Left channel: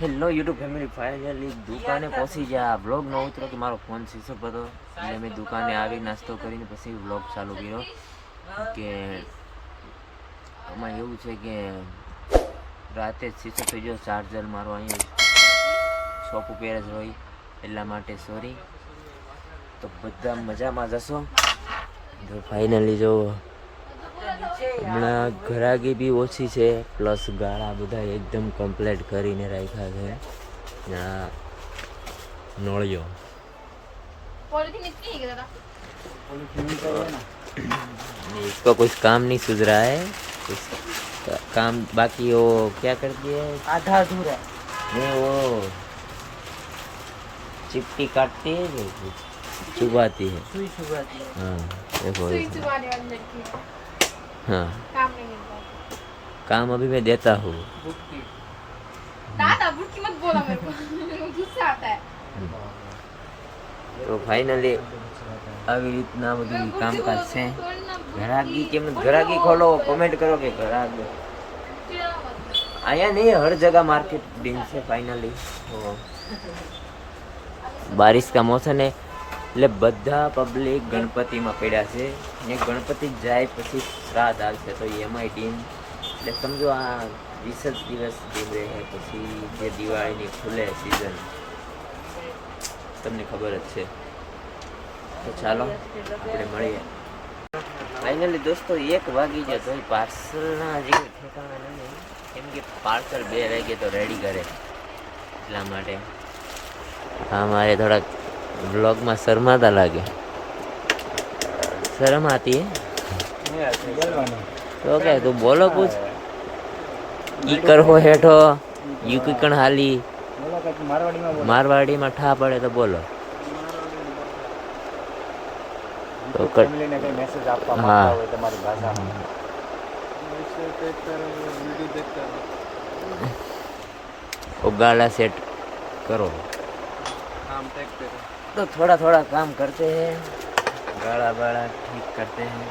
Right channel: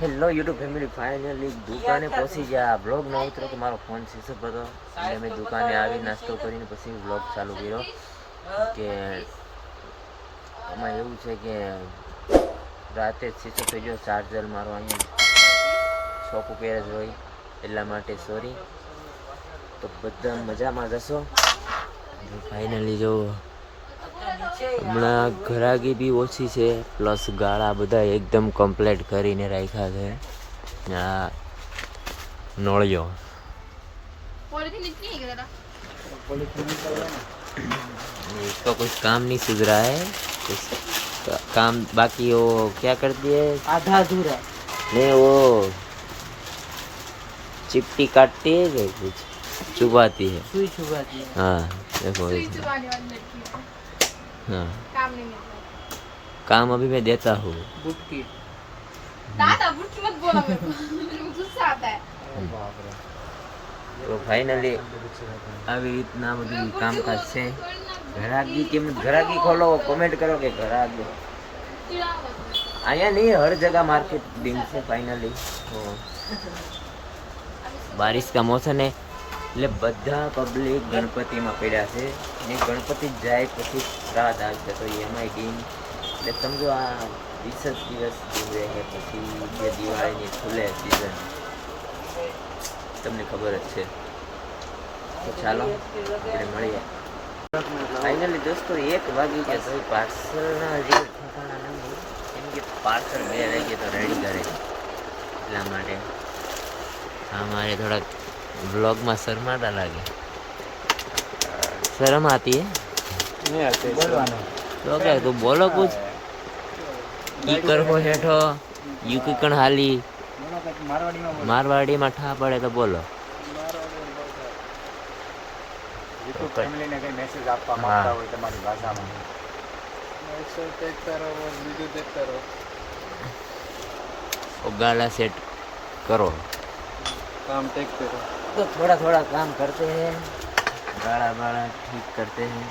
Hello YouTube family, finally દુકાને પહોંચી ગયા. બ્લોગ ન ઉતરો કે મારો ફોન સ્વિચ ઓફ હતો, એટલે મેં દુકાને આવી નાસ્તો કરીને પછી બ્લોગ ચાલુ કર્યો. કે આમાં એવું છે કે રાતે સ્વિચ ઓફ થઈ ગયો ચાર્જર મારો, અહીંયા શોપ ઉપર જ હોય એટલા માટે સોરી. તો બધા મજામાં જશો. તો ફાઇનલી જો હમણાં ઘરાગી બી ઓછી છે, પ્લસ ગાળા બધા એકદમ કમ્પ્લીટ કરીને રાખ્યા છે. આ નોળિયો इसको कुछ काम नहीं सूझ रहा है, कुछ काम बाकी. वो क्या करती है, आधा अधूरा नहीं, वो चिट्टी काटती है कि कुछ चुबाती है. हाँ देखो, हाँ काम अभी मैं देता हूँ. दादा बुटकी मत बोला मेरे को, गुस्सा आता है. તો ફાઇનલી આવી રીતના બધું કામકાજ છે. ઘરાગી કેમ ઘરાગી ખોલો, કોમેન્ટ કરો કે ઘરાગી અહીંયા નહીં, હર જगह मार्केट दिन से फाइनली. बारिश का मौसम है એટલે બધા પબ્લિક ગણપતિમાં પડ્યા છે ને ગણપતિ જાય પછી શ્રાદ્ધ આવશે તો એમાંય ટીમ એટલે સમજો આ 20 દિવસ ટીમ રહે પછી જે દિવાળીની ખુલે સિઝન તમને ખબર જ છે. તો ચાલો આપણે મળીએ. ફાઇનલી દોસ્તો 1 વાગી ગયા તો પાર્સલના હજી કોઈ ઠેકાણા નથી, કેમ કે પાર્સલ 2 વાગે તો રેડી કરે એટલા માટે. હા મારે થોડાક ब्लॉग में शर्माता लागे, शर्म आती है तो क्या तो बोलो कुछ. ई करो हेठो यू कण हाली मारवाड़ी में ठा पड़े तो बोलो. तो फैमिली ने कई मैसेज आपका मांगता હોય તમારી ભાષામાં वीडियो देखता रहो. वो गाला सेट करो, काम टेक करो. तो थोड़ा थोड़ा काम करते हैं, गाड़ा बाड़ा ठीक करते हैं.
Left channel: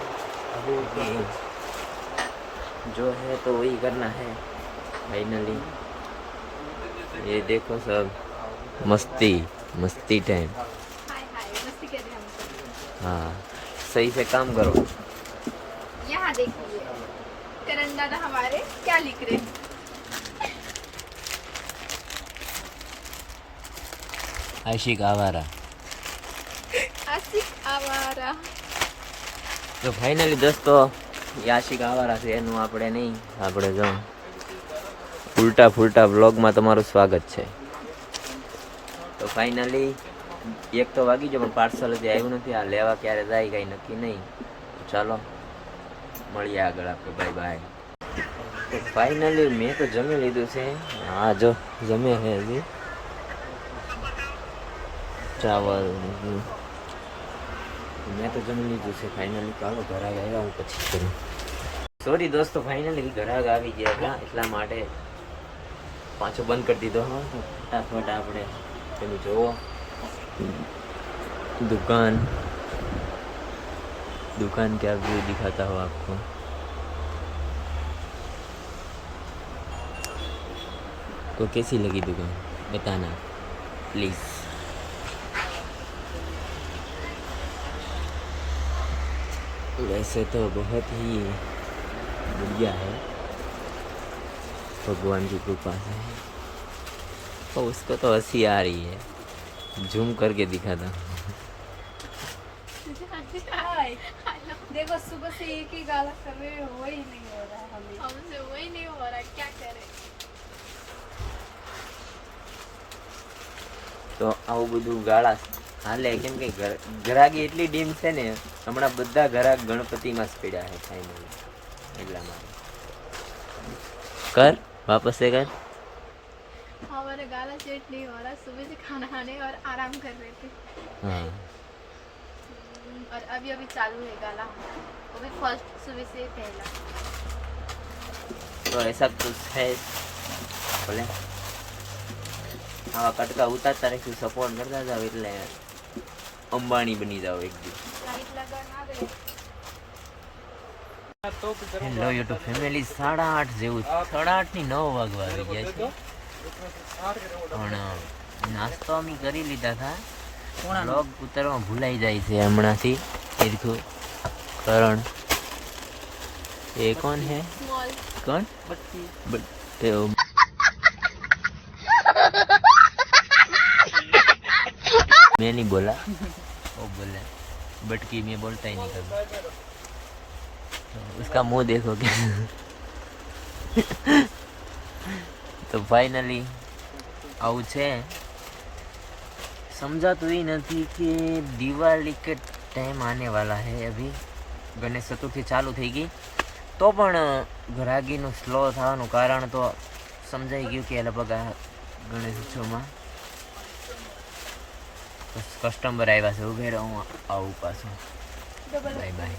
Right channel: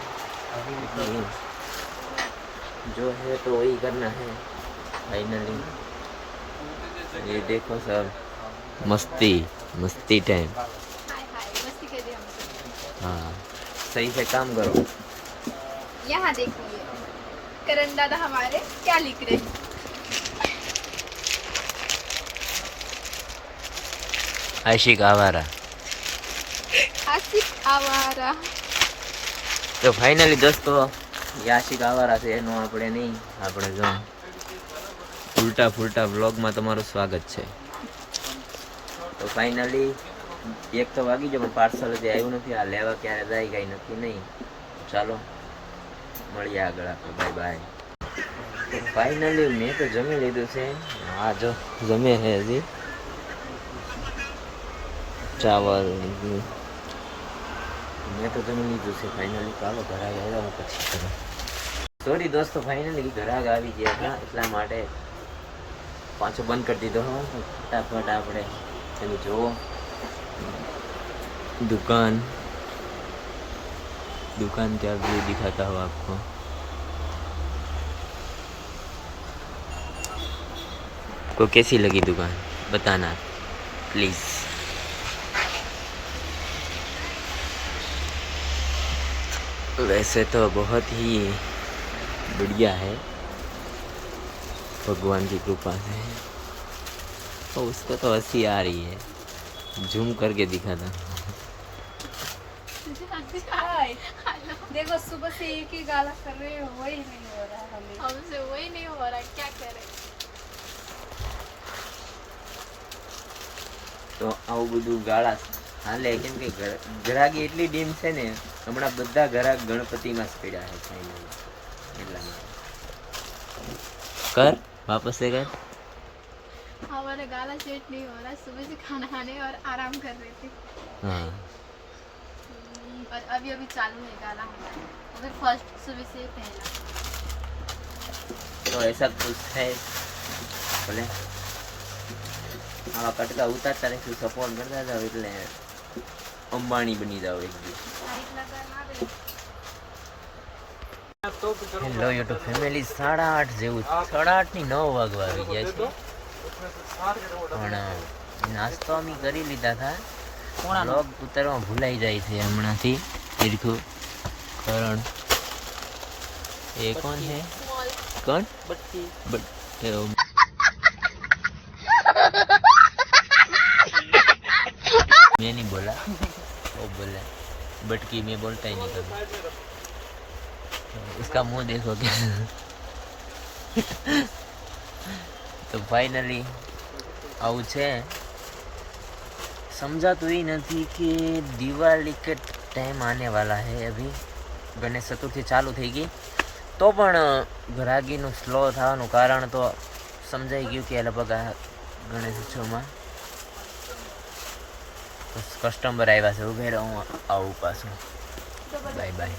जो है तो वही करना है फाइनली. ये देखो सब मस्ती मस्ती टाइम. मस्ती कर दिया हमसे. हाँ सही से काम करो. यहाँ देखिए करण दादा हमारे क्या लिख रहे हैं. आशिक आवारा. તો ફાઇનલી દોસ્તો આશિક આવારા છે એનું આપણે નહીં, આપણે જો ઉલટા ફૂલટા વ્લોગમાં તમારું સ્વાગત છે. તો ફાઇનલી 1 તો વાગી જાય પણ પાર્સલ હજી આવ્યું નથી. આ લેવા ક્યારે જાય કાંઈ નક્કી નહીં. ચાલો મળીએ આગળ આપણે, બાય બાય. તો ફાઇનલી મેં તો જમી લીધું છે. હા જો જમે છે હજી ચાવલ મેં તો જમી લીધું છે ફાઇનલી. ચાલો ઘરાગ આવ્યા હું પછી કરું. સોરી દોસ્તો ફાઇનલી ઘરાગ આવી ગયા હતા એટલા માટે પાછો બંધ કરી દીધો. હા ફટાફટ આપણે તમે જુઓ दुकान दुकान का व्यू दिखाता हूँ आपको. को कैसी लगी दुकान बताना प्लीज़. वैसे तो बहुत ही बढ़िया है, भगवान की कृपा से. तो उसको तो हंसी आ रही है, झूम करके दिखाता हूँ. देखो सुबह से एक ही गाला कर रहे हो, वही नहीं हो रहा है हमसे, वही नहीं हो रहा, क्या करें. તો આવું બધું ગાળા હાલે કેમ કે ઘરાગી એટલી ડીમ છે ને, હમણાં બધા ઘરાક ગણપતિમાં જ પડ્યા છે ફાઇનલી એટલા માટે. કર વાપસ से कर. हमारा गाला सेट नहीं हो रहा, सुबह से खाना खाने और आराम कर रहे थे. हाँ और अभी अभी चालू है गाला, और फिर फर्स्ट सुबह से पहला. तो ऐसा कुछ है बोले આવા કટકા ઉતારતા રહીશું, સપોર્ટ કરતા જાવ એટલે અંબાણી બની જાવ એક દિવસ. હેલો યુટ્યુબ ફેમિલી, 8:30 જેવું 8:30 ની 9 વાગવા આવી ગયા છે. પણ નાસ્તો અમે કરી લીધા હતા. બ્લોગ ઉતારવા ભૂલાઈ જાય છે હમણાંથી. ઈરખું કરણ ये कौन है? कौन? बट्टी मैं नहीं बोला, वो बोला बटकी. मैं बोलता ही नहीं कभी. उसका मुंह देखोगे. तो फाइनली आવું છે. समझाતું ही नहीं कि दिवाली के टाइम आने वाला है. अभी गणेश चतुर्थी चालू થઈ ગઈ તો પણ ગ્રાહકીનું સ્લો થવાનું કારણ તો સમજાઈ ગયું કે લગભગ આ ગણેશ ઉત્સવમાં કસ્ટમર આવ્યા છે. ઉભે રહો, હું આવું પાછું. Bye bye.